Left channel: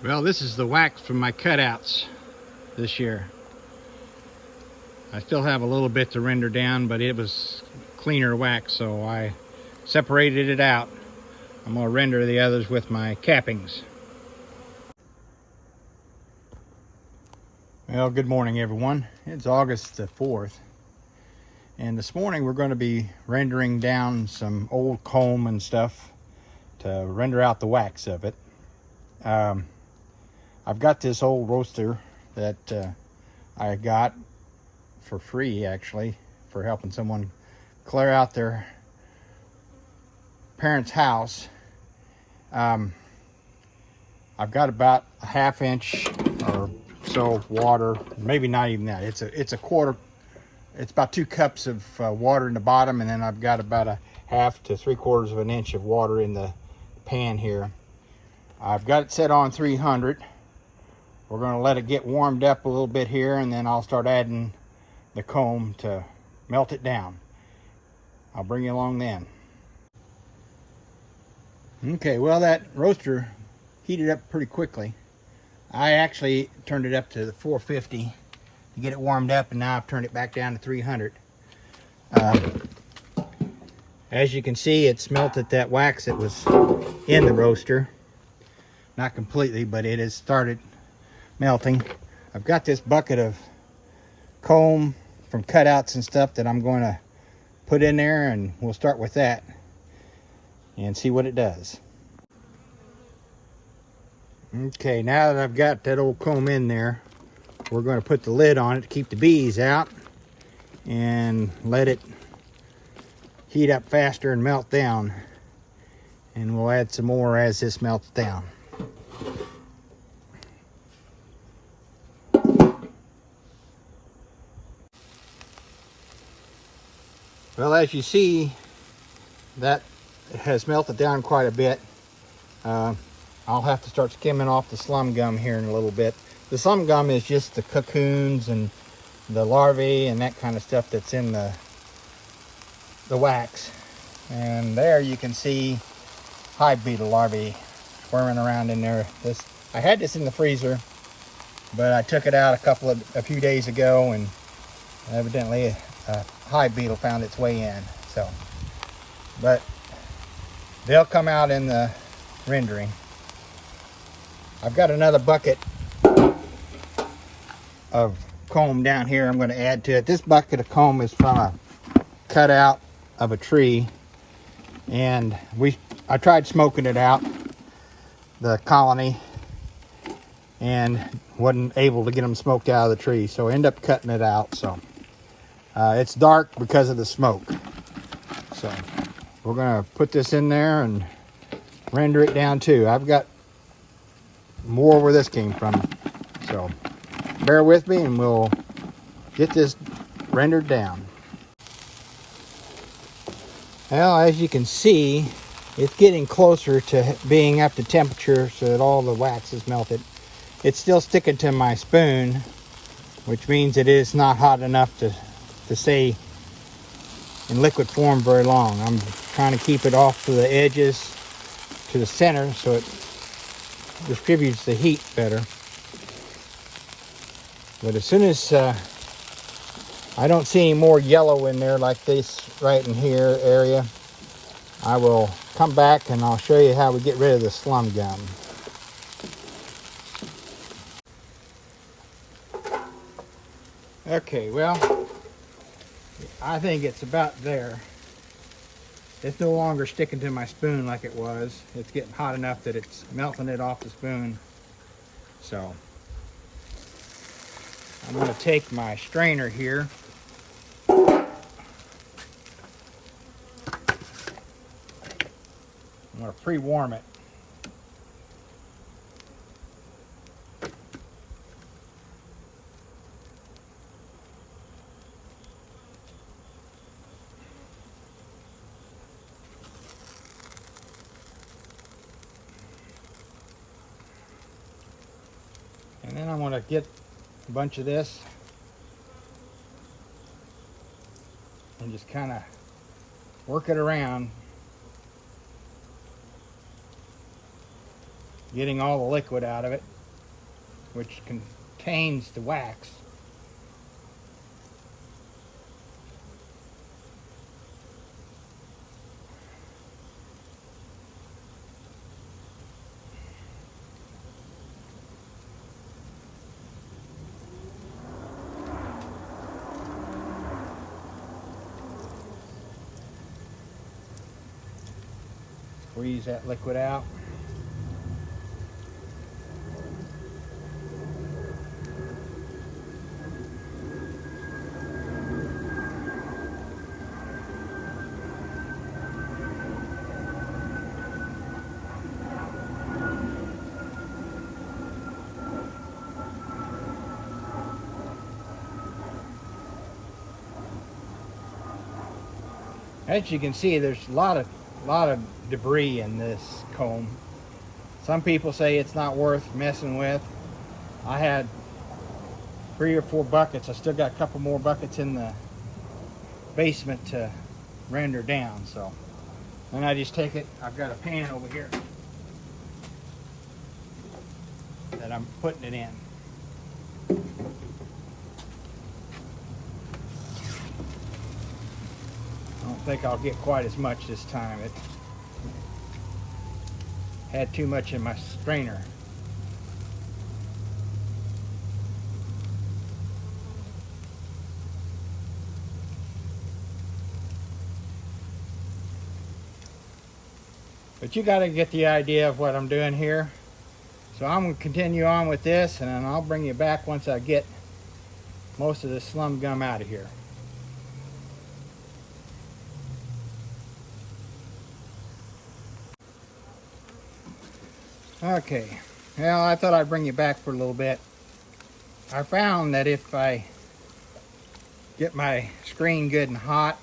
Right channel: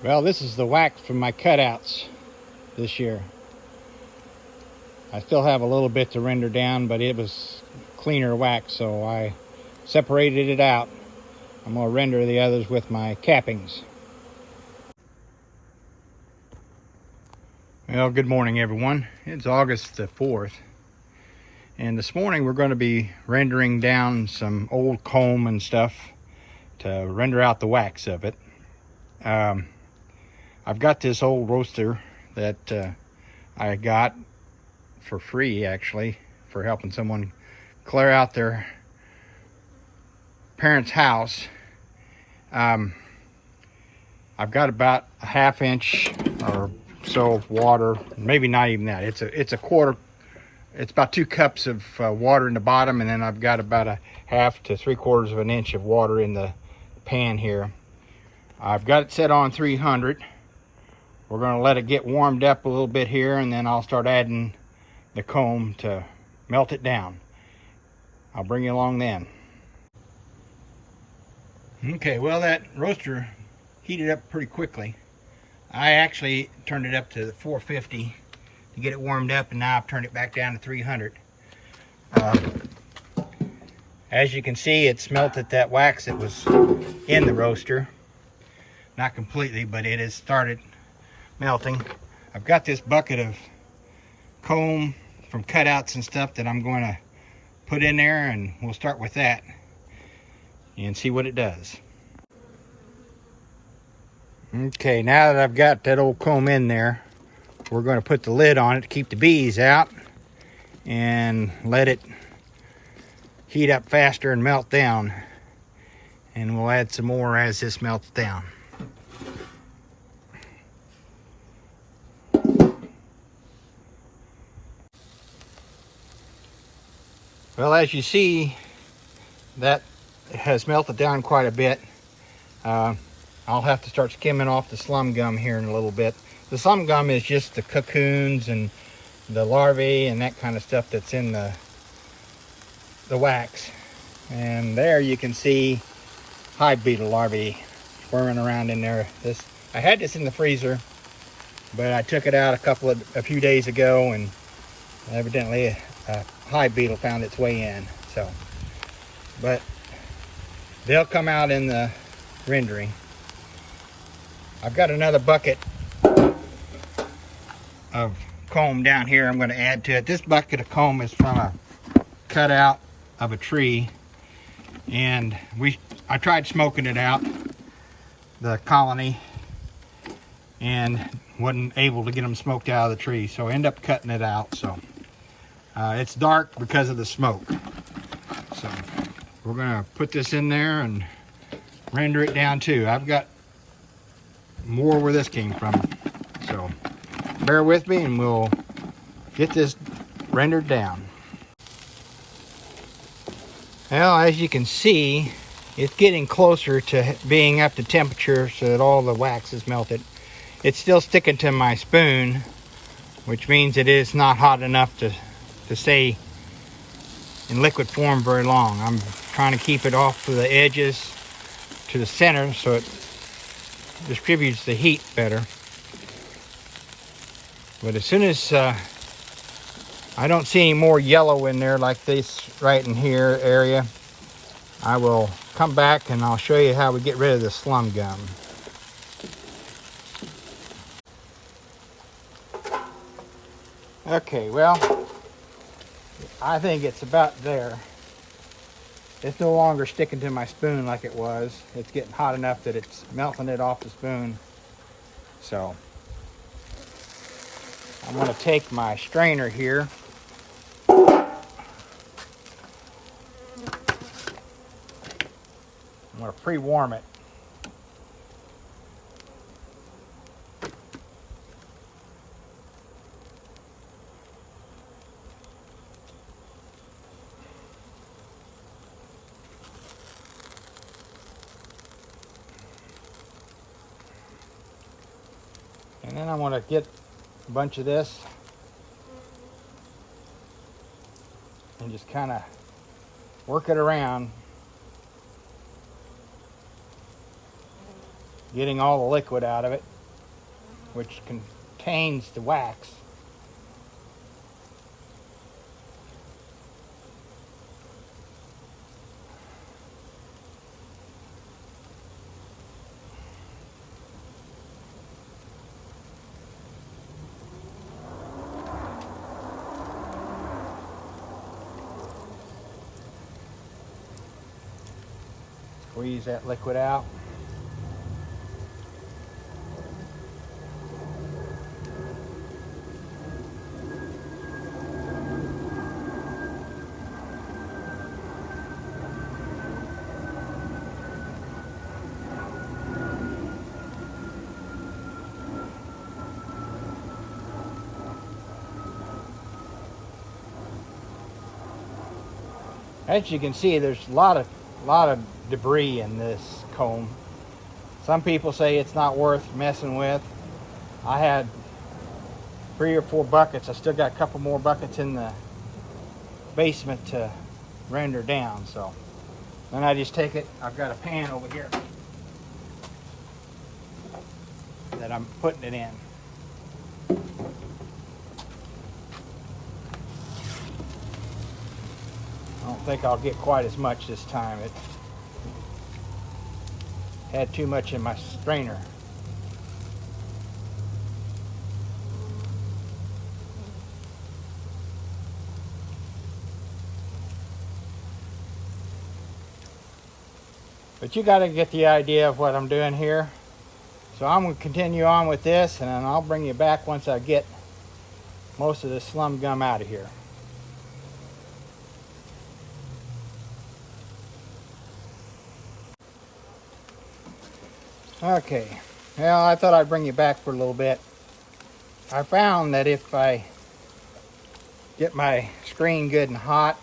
Well, this is the wax from my cutouts this year. I still have a little bit to render down, but it was cleaner wax, so I separated it out. I'm going to render the others with my cappings. Well, good morning everyone. It's August the 4th, and this morning we're going to be rendering down some old comb and stuff to render out the wax of it. I've got this old roaster that I got for free, actually, for helping someone clear out their parents' house. I've got about a ½ inch or so of water, maybe not even that. It's a quarter. It's about 2 cups of water in the bottom, and then I've got about a ½ to 3/4 of an inch of water in the pan here. I've got it set on 300. We're going to let it get warmed up a little bit here, and then I'll start adding the comb to melt it down. I'll bring you along then. Okay, well, that roaster heated up pretty quickly. I actually turned it up to 450 to get it warmed up, and now I've turned it back down to 300. As you can see, it's melted that wax that was in the roaster. Not completely, but it has started melting. I've got this bucket of comb from cutouts and stuff that I'm going to put in there, and we'll start with that and see what it does. Okay, now that I've got that old comb in there, we're going to put the lid on it to keep the bees out and let it heat up faster and melt down, and we'll add some more as this melts down. Well, as you see, that has melted down quite a bit. I'll have to start skimming off the slum gum here in a little bit. The slum gum is just the cocoons and the larvae and that kind of stuff that's in the wax. And there you can see hive beetle larvae squirming around in there. I had this in the freezer, but I took it out a few days ago, and evidently a hive beetle found its way in. But they'll come out in the rendering. I've got another bucket of comb down here I'm going to add to it. This bucket of comb is from a cutout of a tree, and I tried smoking it out, the colony, and wasn't able to get them smoked out of the tree, so I ended up cutting it out. So it's dark because of the smoke. So we're going to put this in there and render it down too. I've got more where this came from, so bear with me and we'll get this rendered down. Well, as you can see, it's getting closer to being up to temperature so that all the wax is melted. It's still sticking to my spoon, which means it is not hot enough to stay in liquid form very long. I'm trying to keep it off to the edges to the center so it distributes the heat better. But as soon as I don't see any more yellow in there like this right in here area, I will come back and I'll show you how we get rid of the slum gum. Okay, well, I think it's about there. It's no longer sticking to my spoon like it was. It's getting hot enough that it's melting it off the spoon. So I'm going to take my strainer here. I'm going to pre-warm it. And then I'm going to get a bunch of this and just kind of work it around. getting all the liquid out of it, which contains the wax. Squeeze that liquid out. As you can see, there's a lot of debris in this comb. Some people say it's not worth messing with. I had 3 or 4 buckets. I still got a couple more buckets in the basement to render down. So then I just take it. I've got a pan over here that I'm putting it in. I don't think I'll get quite as much this time. It had too much in my strainer. But you got to get the idea of what I'm doing here. So I'm going to continue on with this, and then I'll bring you back once I get most of this slum gum out of here. Okay, well, I thought I'd bring you back for a little bit. I found that if I get my screen good and hot,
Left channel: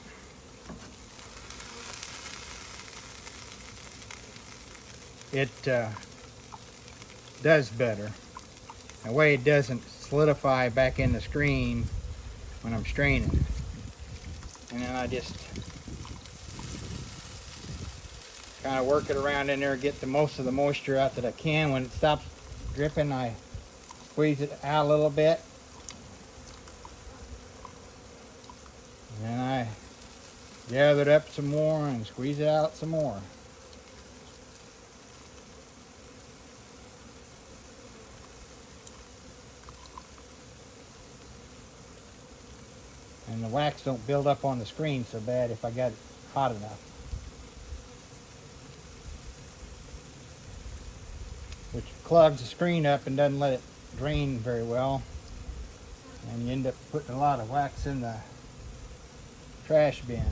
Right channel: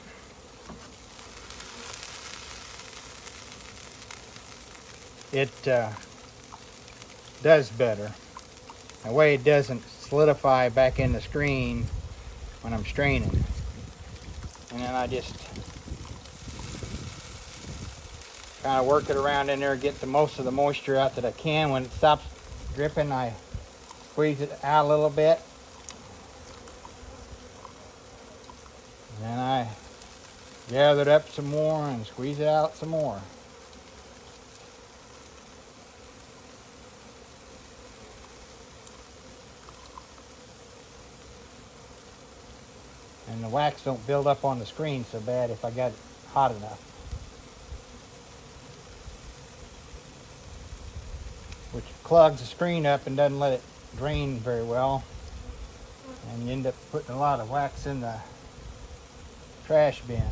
it does better. That way it doesn't solidify back in the screen when I'm straining. And then I just kind of work it around in there, get the most of the moisture out that I can. When it stops dripping, I squeeze it out a little bit. And then I gather it up some more and squeeze it out some more. And the wax don't build up on the screen so bad if I got it hot enough. Which clogs the screen up and doesn't let it drain very well. And you end up putting a lot of wax in the trash bin.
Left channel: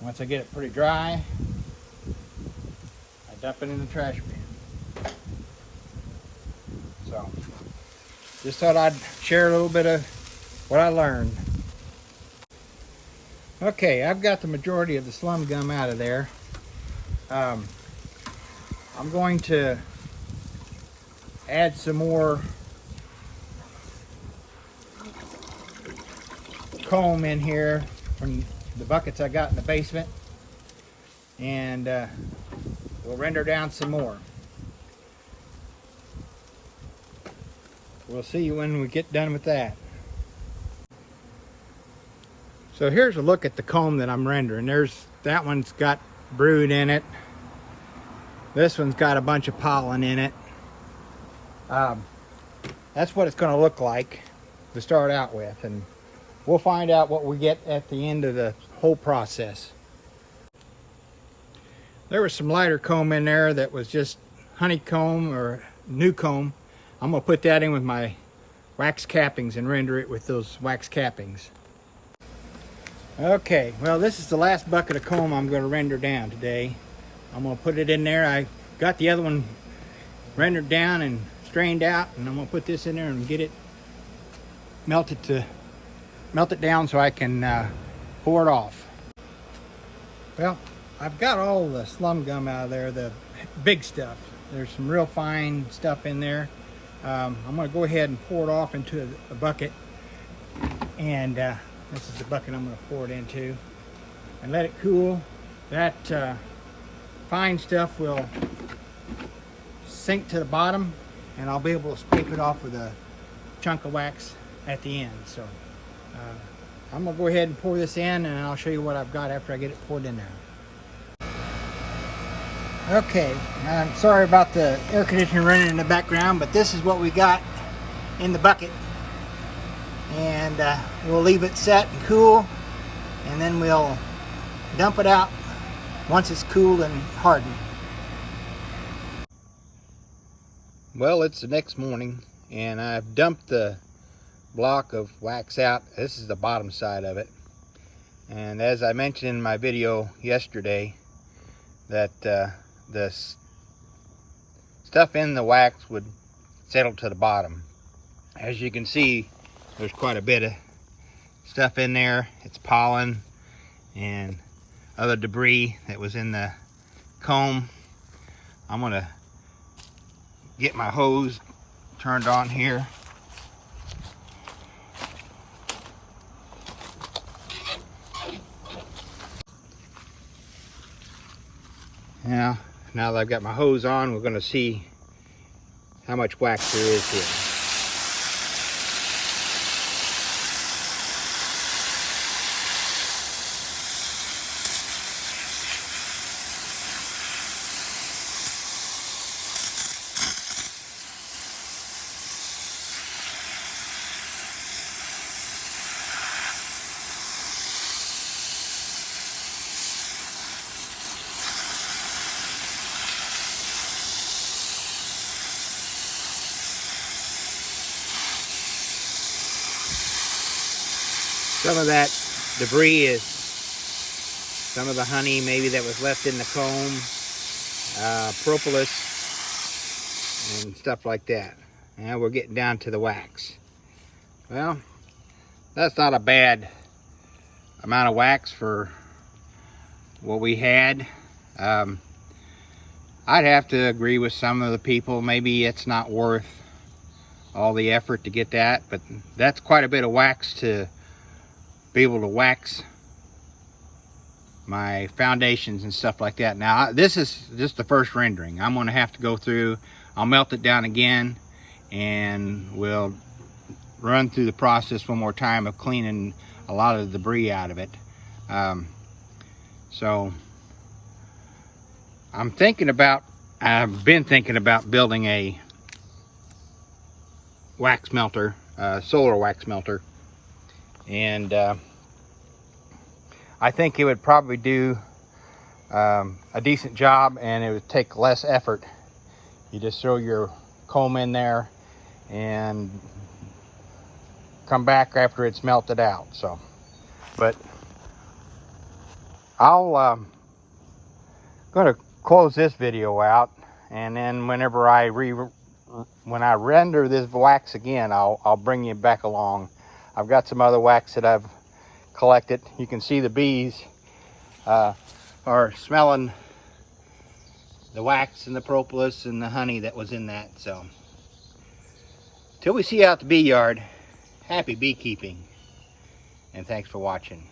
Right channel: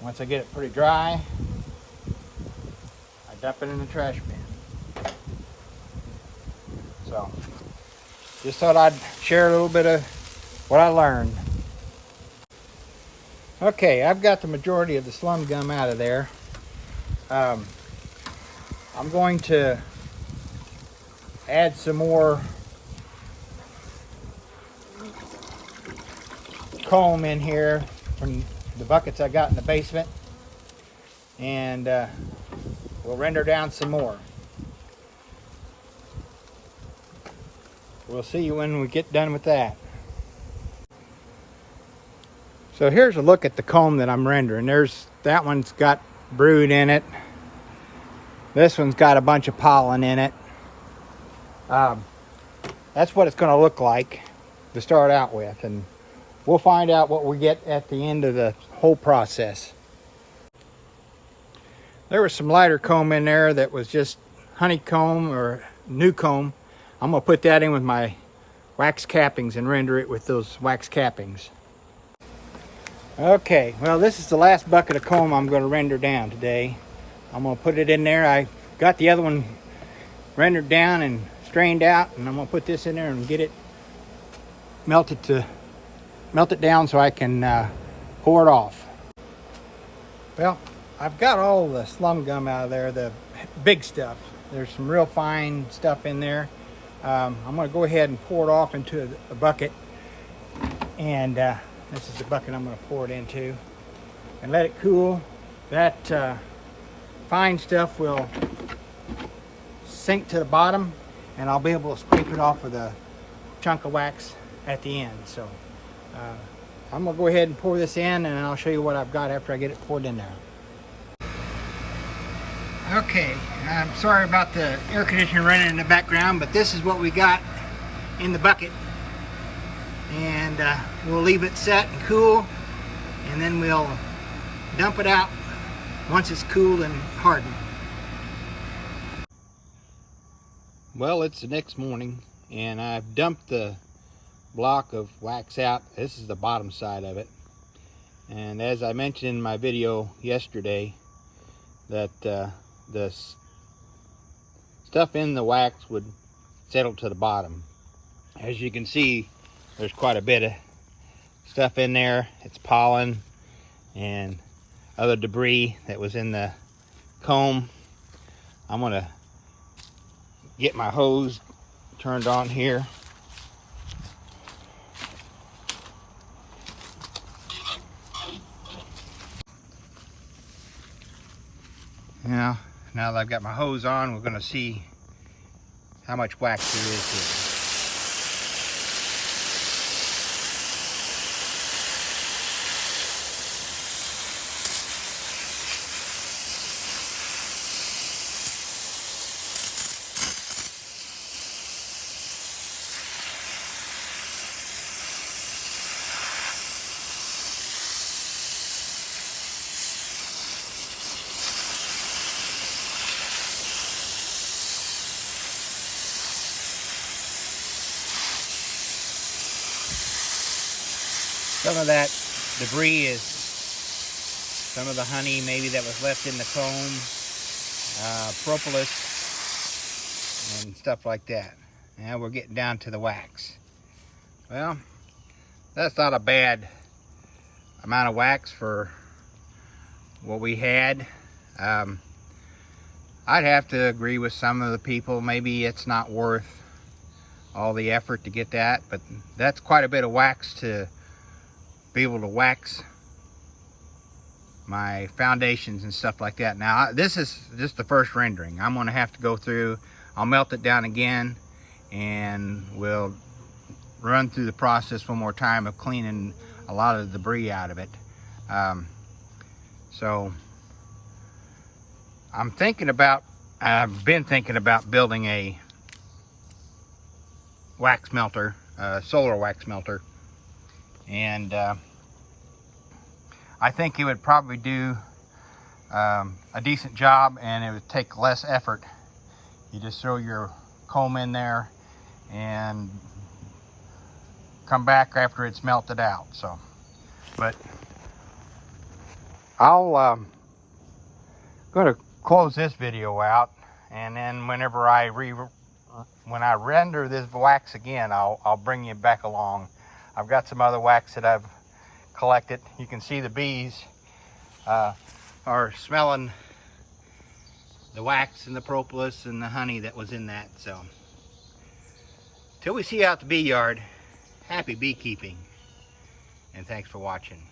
Once I get it pretty dry, I dump it in the trash bin. So, just thought I'd share a little bit of what I learned. Okay, I've got the majority of the slum gum out of there. I'm going to add some more comb in here from the buckets I got in the basement, and we'll render down some more. We'll see you when we get done with that. So here's a look at the comb that I'm rendering. That one's got brood in it. This one's got a bunch of pollen in it. That's what it's going to look like to start out with, and we'll find out what we get at the end of the whole process. There was some lighter comb in there that was just honeycomb or new comb. I'm going to put that in with my wax cappings and render it with those wax cappings. Okay, well, this is the last bucket of comb I'm going to render down today. I'm going to put it in there. I got the other one rendered down and strained out, and I'm going to put this in there and get it melt it down so I can pour it off. Well, I've got all the slum gum out of there, the big stuff. There's some real fine stuff in there. I'm going to go ahead and pour it off into a bucket, and this is the bucket I'm going to pour it into and let it cool. That fine stuff will sink to the bottom, and I'll be able to scrape it off with a chunk of wax at the end. So I'm gonna go ahead and pour this in, and I'll show you what I've got after I get it poured in there. Okay, I'm sorry about the air conditioner running in the background, but this is what we got in the bucket. And we'll leave it set and cool, and then we'll dump it out once it's cooled and hardened. Well, it's the next morning, and I've dumped the block of wax out. This is the bottom side of it, and as I mentioned in my video yesterday, that the stuff in the wax would settle to the bottom. As you can see, there's quite a bit of stuff in there. It's pollen and other debris that was in the comb. I'm gonna get my hose turned on here. Now that I've got my hose on, we're gonna see how much wax there is here. Some of that debris is some of the honey maybe that was left in the comb, propolis, and stuff like that. Now we're getting down to the wax. Well, that's not a bad amount of wax for what we had. I'd have to agree with some of the people. Maybe it's not worth all the effort to get that, but that's quite a bit of wax to be able to wax my foundations and stuff like that. Now, this is just the first rendering. I'm going to have to go through, I'll melt it down again, and we'll run through the process one more time of cleaning a lot of the debris out of it. So I've been thinking about building a wax melter, solar wax melter, and I think it would probably do a decent job, and it would take less effort. You just throw your comb in there and come back after it's melted out. So, but I'll gonna close this video out, and then whenever when I render this wax again, I'll bring you back along. I've got some other wax that I've collected. You can see the bees are smelling the wax and the propolis and the honey that was in that. So till we see you out the bee yard, happy beekeeping, and thanks for watching.